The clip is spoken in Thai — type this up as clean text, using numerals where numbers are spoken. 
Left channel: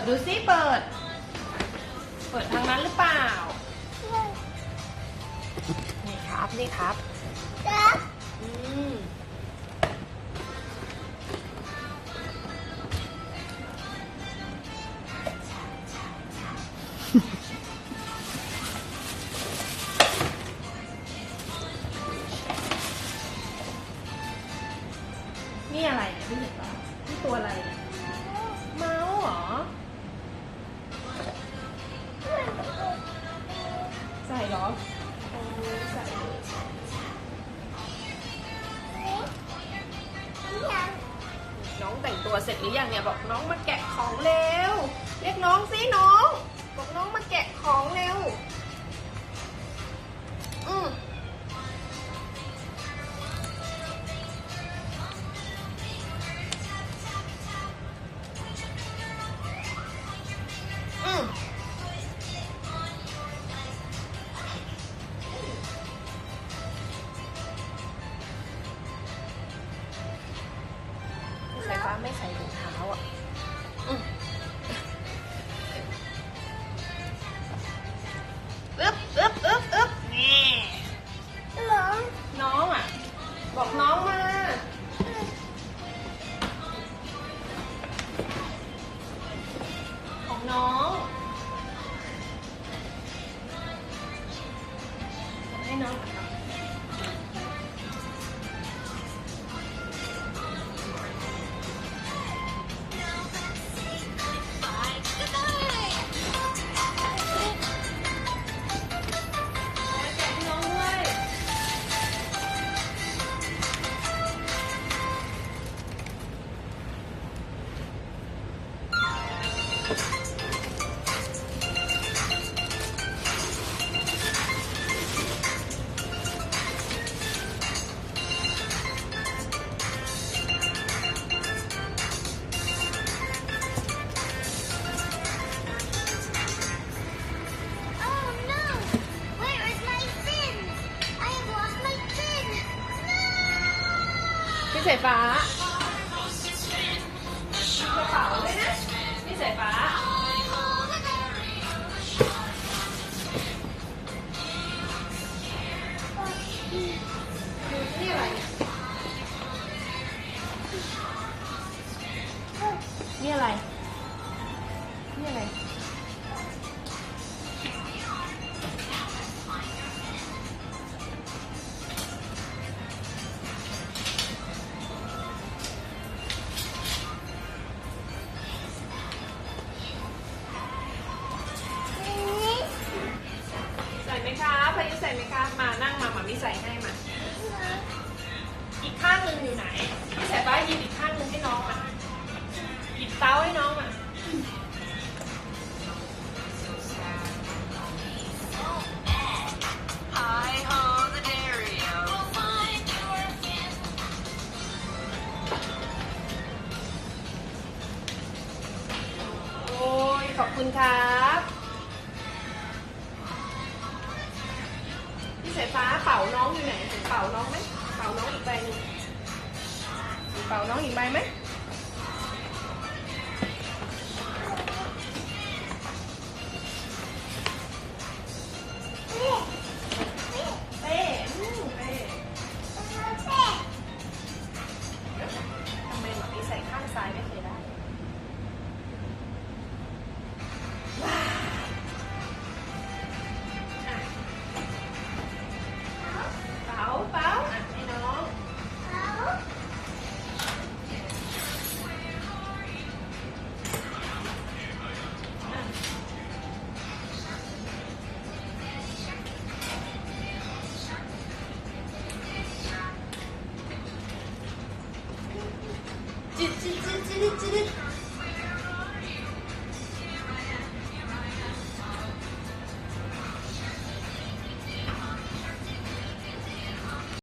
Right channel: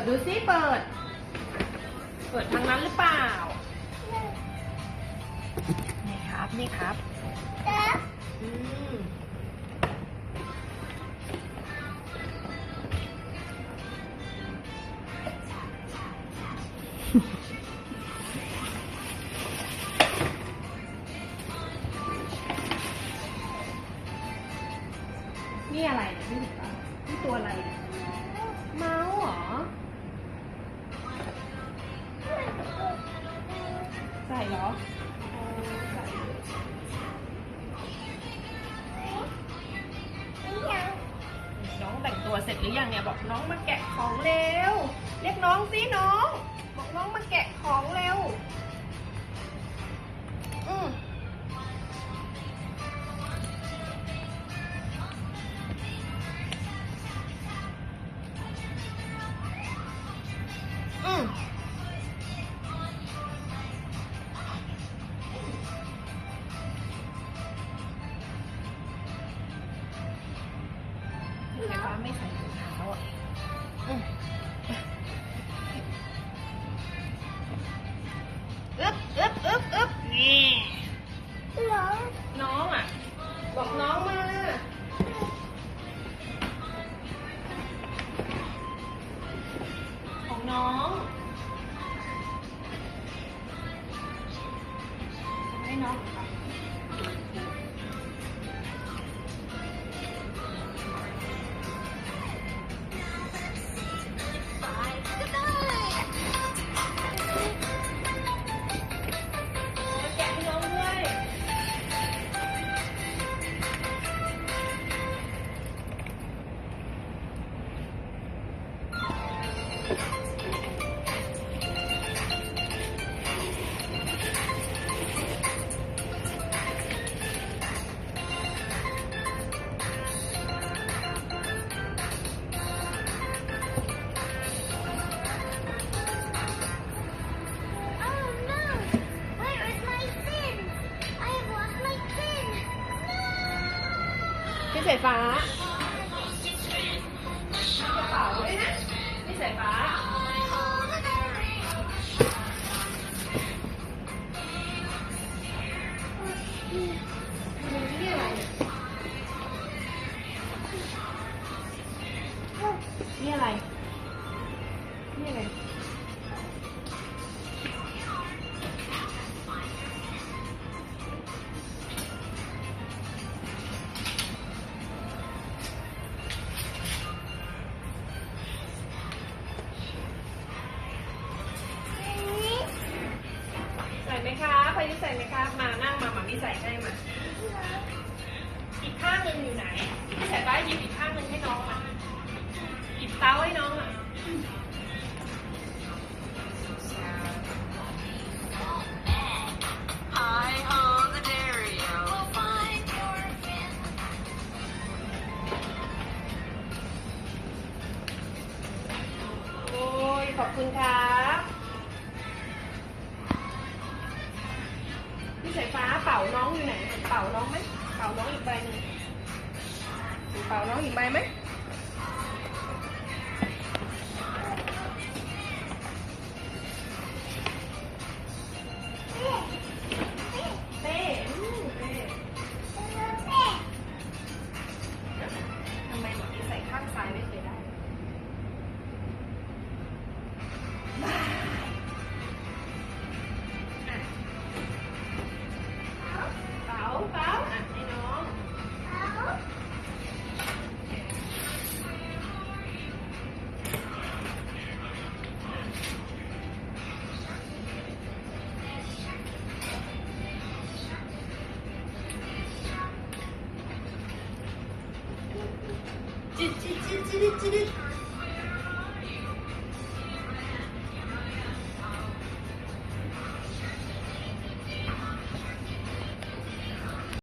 ดดูซิเปิดทางนั้นหรือเปล่านี่ครับนี่ครับอืมนี่อะไรเนี่ยพี่เห็นป่ะนี่ตัวอะไรเนี่ยเมาส์เหรอใส่เหรอใส่น้องแต่งตัวเสร็จหรือยังเนี่ยบอกน้องมาแกะของเร็วเรียกน้องสิน้องบอกน้องมาแกะของเร็วสายฟ้าไม่ใส่รองเท้าอ่ะอึ๊บนี่น้องอ่ะบอกน้องมาของน้องให้น้องพี่สายฟ้าพี่สายฟ้านี่อะไรนี่อะไรนี่อะไรพายุใส่ไหมคะมานั่งมามีใส่ให้มาอีกข้างหนึ่งอยู่ไหนพี่ใส่ป้ายืมอีกข้างหนึ่งให้น้องอ่ะเต้าให้น้องอ่ะโอ้ยขอบคุณครับพี่สายฟ้าเป่าน้องอยู่ไหนเห็นเป่าน้องไหมเป่าน้องอีกใบหนึ่งเป่าน้องอีกใบไหมเป้ทำไมแบบนี้ใส่ข้างซ้ายไม่เคยได้จิ๊ด